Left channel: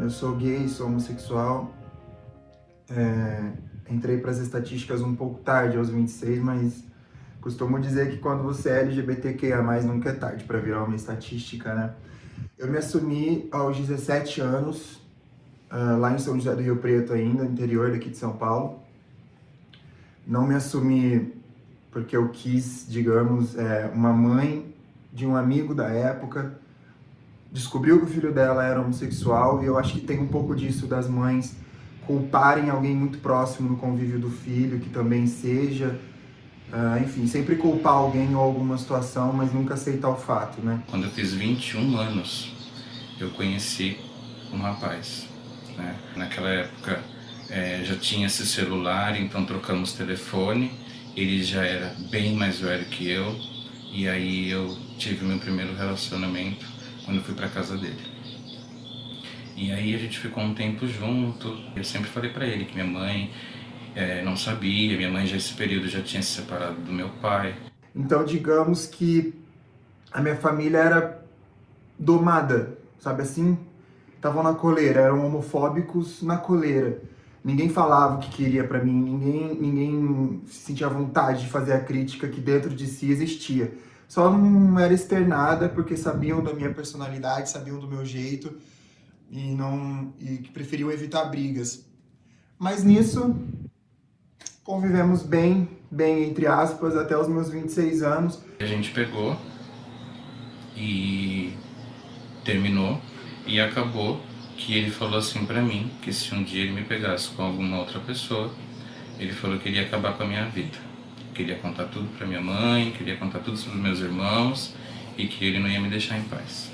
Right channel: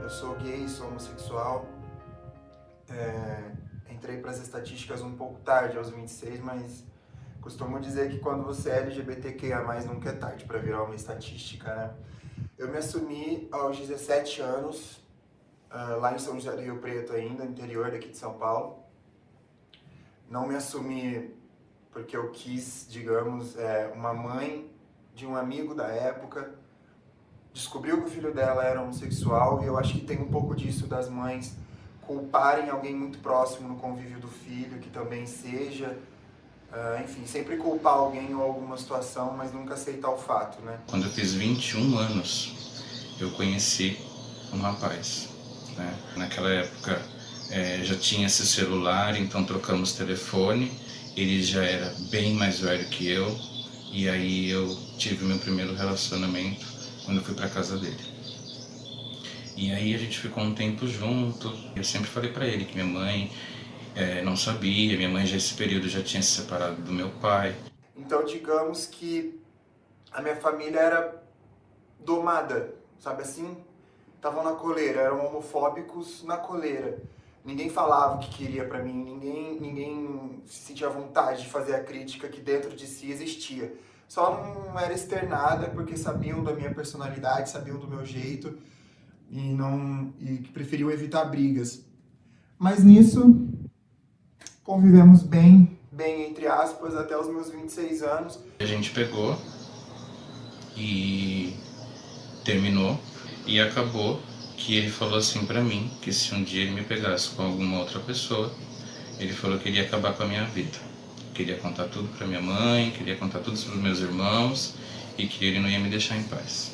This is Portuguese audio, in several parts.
Eu sou gay, sou homossexual. Entrei para as estatísticas um pouco tarde, aos 26, mas costumo dizer que quando você é LGBTQIA+, nunca é tarde para virar uma estatística, né? Eu me assumi aos 17 anos, lá em São José do Rio Preto ainda, interior daqui de São Paulo. Não me assumi porque eu quis, digamos, uma mãe de um amigo da época descobriu que o filho dela era homossexual, e eu acho que tem um pouco disso das mães culparem alguém muito próximo no convívio do filho, que também seja, enfim, sempre culpar alguém ou alguma situação, mas nunca aceitar o fato, né? Quando eu fiz 21 anos, eu conheci um rapaz, né? Naquela época já tinha esse celular, então trocamos telefone, ele já era bem mais velho que eu, e aí eu tive meu primeiro relacionamento quando eu fui para casa dele. E aí a gente ficou um tempo junto. Eu sempre falei para ele que minha mãe não sabia, minha mãe já nesse período já tinha se separado do meu pai. Então, digamos que a minha família era domada, sabe assim? Estavam na coleira, eram homofóbicos na coleira. Ninguém falava o que queria pra mim, ninguém sentia vontade de fazer a crítica que dentro de si existia. Só não era externada porque sabiam da minha personalidade, sabiam do meu jeito e que preferiam evitar brigas. Mas nisso convivemos bem entre aspas, até os meus 26 anos. A gente pegou e terminou, e acabou que ele falou assim pra mim, que se um dia ele me pegasse com alguma outra pessoa, ele falou que ele ia acabar com a minha vida. Queria contar tudo pra minha mãe, queria contar tudo sobre meus irmãos, e que ele não ia me deixar em paz.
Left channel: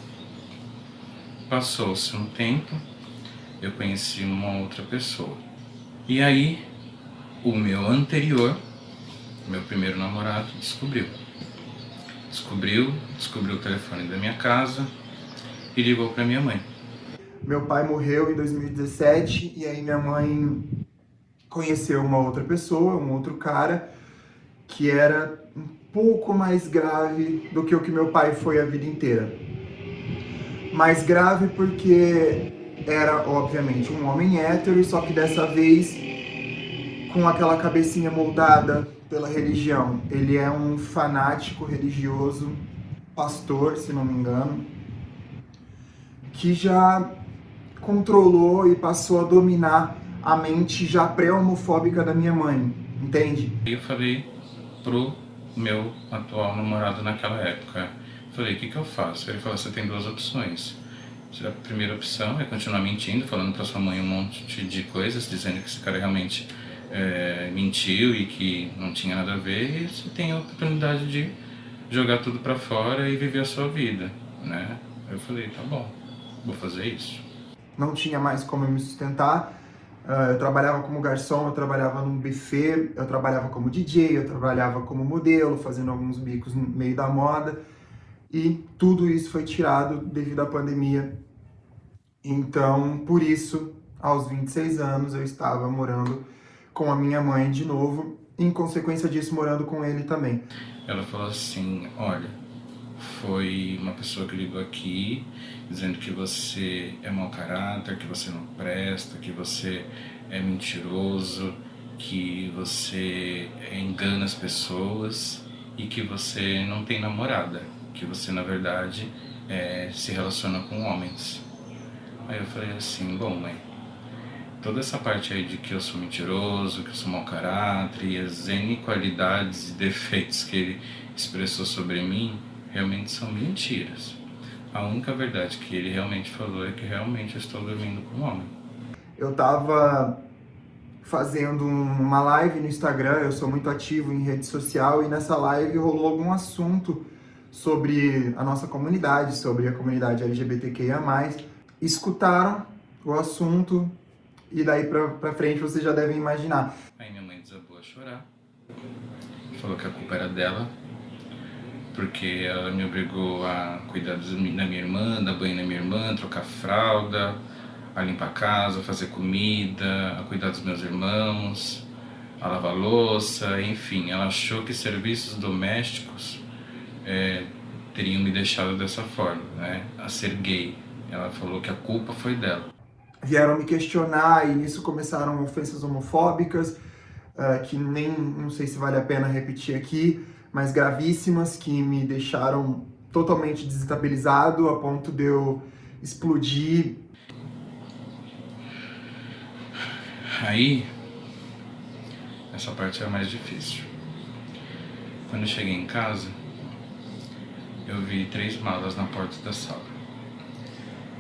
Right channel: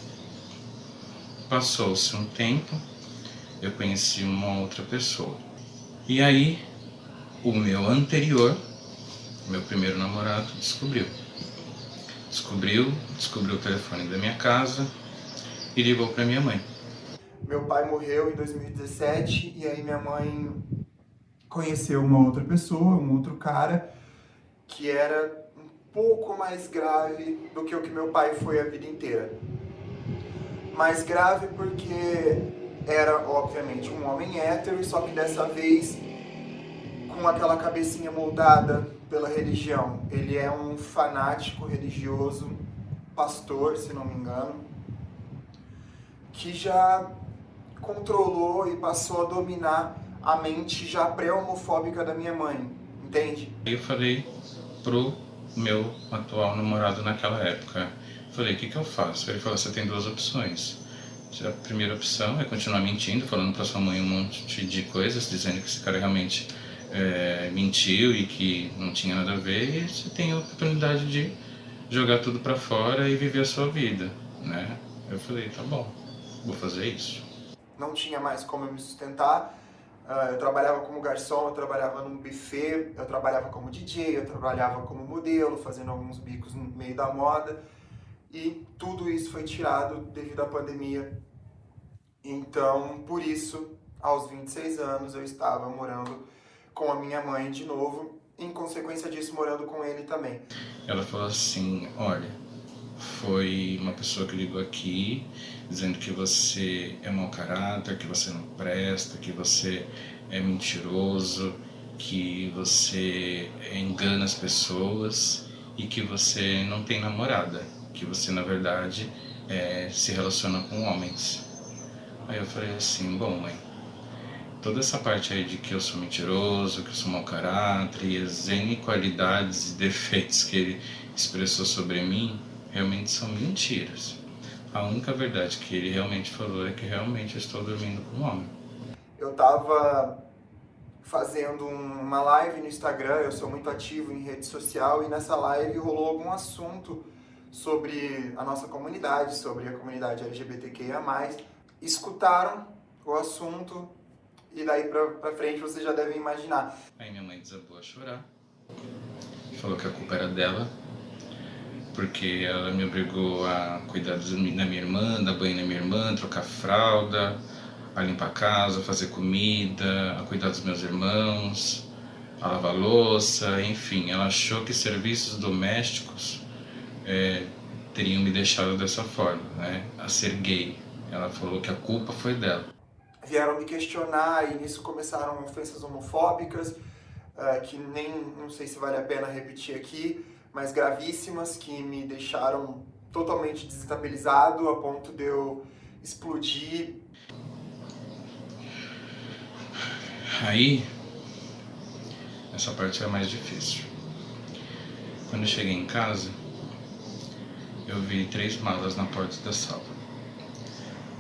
Passou-se um tempo, eu conheci uma outra pessoa. E aí, o meu anterior, meu primeiro namorado, descobriu o telefone da minha casa e ligou pra minha mãe. Meu pai morreu em 2017 e aí minha mãe conheceu uma outra pessoa, um outro cara, que era um pouco mais grave do que o que meu pai foi a vida inteira. Mais grave porque era, obviamente, um homem hétero, só que dessa vez com aquela cabecinha moldada pela religião. Ele é um fanático religioso, pastor, se não me engano, que já controlou e passou a dominar a mente já pré-homofóbica da minha mãe, entende? Eu falei pro meu atual namorado naquela época, falei, o que eu faço? Ele falou, você tem duas opções. A primeira opção é continuar mentindo, falando pra sua mãe um monte de coisas, dizendo que esse cara realmente mentiu e que não tinha nada a ver, e você tem a oportunidade de jogar tudo pra fora e viver a sua vida, né? Eu falei, tá bom, vou fazer isso. Não tinha mais como eu me sustentar. Eu trabalhava como garçom, eu trabalhava num buffet, eu trabalhava como DJ, eu trabalhava como modelo, fazendo alguns bicos no meio da moda. E tudo isso foi tirado devido à pandemia. Então, por isso, aos 26 anos, eu estava morando com a minha mãe de novo, em consequência disso, morando com ele também. Ela falou assim, olha, foi uma pessoa que ligou aqui, dizendo que você é mau caráter, que você não presta, que você é mentiroso, que você engana as pessoas e que você não tem namorada, que você, na verdade, se relaciona com homens. Aí eu falei assim, bom, mãe, toda essa parte aí de que eu sou mentiroso, que eu sou mau caráter e as N qualidades e defeitos que ele expressou sobre mim, realmente são mentiras. A única verdade que ele realmente falou é que realmente eu estou dormindo com um homem. Eu tava fazendo uma live no Instagram, eu sou muito ativo em rede social, e nessa live rolou algum assunto sobre a nossa comunidade, sobre a comunidade LGBTQIA+. Escutaram o assunto e daí pra frente vocês já devem imaginar. Aí minha mãe desabou a chorar, falou que a culpa era dela, porque ela me obrigou a cuidar da minha irmã, dar banho na minha irmã, trocar fralda, a limpar a casa, a fazer comida, a cuidar dos meus irmãos, a lavar louça, enfim. Ela achou que serviços domésticos teriam me deixado dessa forma, né, a ser gay. Ela falou que a culpa foi dela. Vieram me questionar e nisso começaram ofensas homofóbicas, que nem, não sei se vale a pena repetir aqui, mas gravíssimas, que me deixaram totalmente desestabilizado a ponto de eu explodir. Aí, essa parte é a mais difícil. Quando eu cheguei em casa, eu vi 3 malas na porta da sala.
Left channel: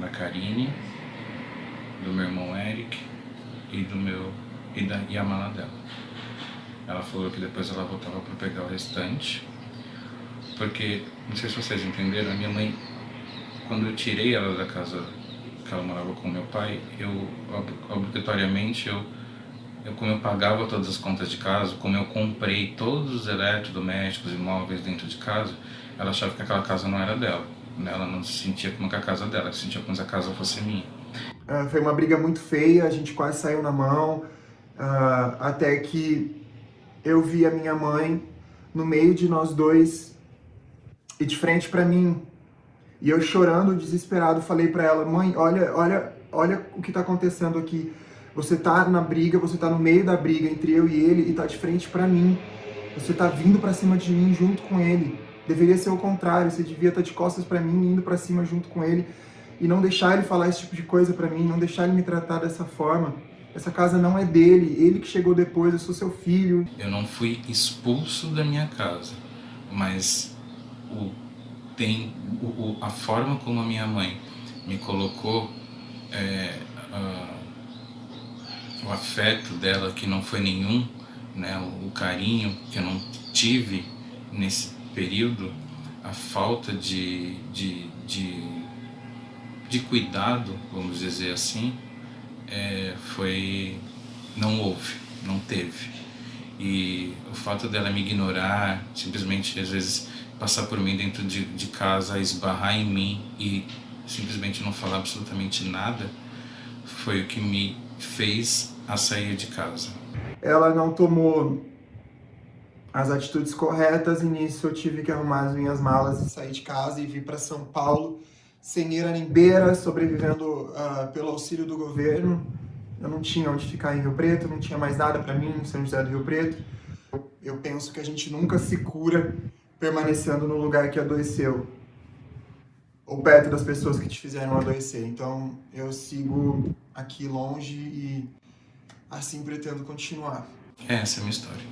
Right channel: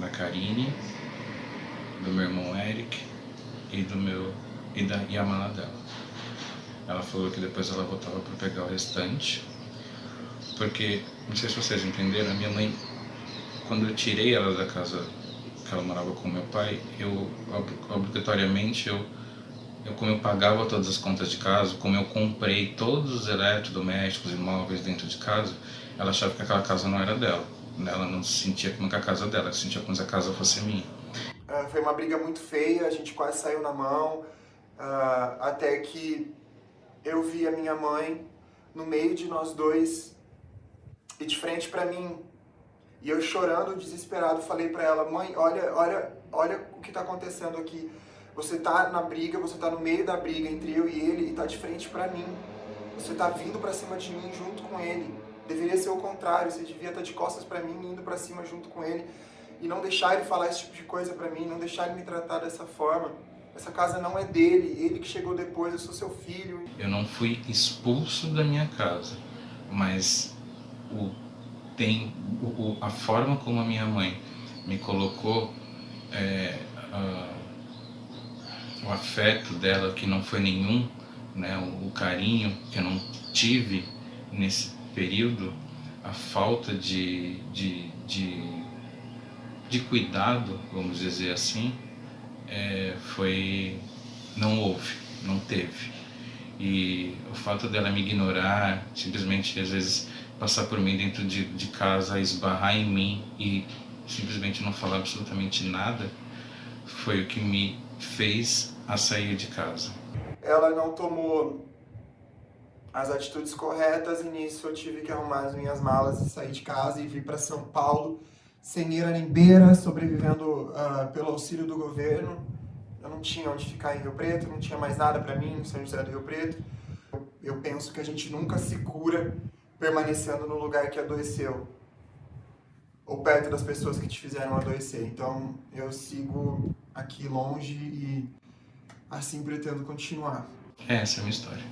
Da Karine, do meu irmão Eric e a mala dela. Ela falou que depois ela voltava para pegar o restante, porque, não sei se vocês entenderam, a minha mãe, quando eu tirei ela da casa que ela morava com meu pai, eu obrigatoriamente, como eu pagava todas as contas de casa, como eu comprei todos os eletrodomésticos e móveis dentro de casa, ela achava que aquela casa não era dela. Ela não se sentia como que a casa dela, se sentia como se a casa fosse minha. Foi uma briga muito feia, a gente quase saiu na mão, até que eu vi a minha mãe no meio de nós dois e de frente pra mim. E eu chorando, desesperado, falei pra ela: mãe, olha o que tá acontecendo aqui. Você tá na briga, você tá no meio da briga entre eu e ele e tá de frente pra mim. Você tá vindo pra cima de mim junto com ele. Deveria ser o contrário, você devia estar de costas pra mim, indo pra cima junto com ele. E não deixar ele falar esse tipo de coisa pra mim, não deixar ele me tratar dessa forma. Essa casa não é dele, ele que chegou depois, eu sou seu filho. Eu não fui expulso da minha casa, mas a forma como a minha mãe me colocou, o afeto dela, que não foi nenhum, né, o carinho que eu não tive nesse período, a falta de cuidado, vamos dizer assim, não houve, não teve. E o fato dela me ignorar, simplesmente às vezes passar por mim dentro de casa, esbarrar em mim e simplesmente não falar absolutamente nada, foi o que me fez a sair de casa. Ela não tomou as atitudes corretas e nisso eu tive que arrumar as minhas malas e sair de casa e vir para São Paulo, sem eira nem beira, sobrevivendo pelo auxílio do governo. Eu não tinha onde ficar em Rio Preto, não tinha mais nada para mim em São José do Rio Preto. Eu penso que a gente nunca se cura permanecendo no lugar que adoeceu, ou perto das pessoas que te fizeram adoecer. Então eu sigo aqui longe e assim pretendo continuar. Essa é a minha história.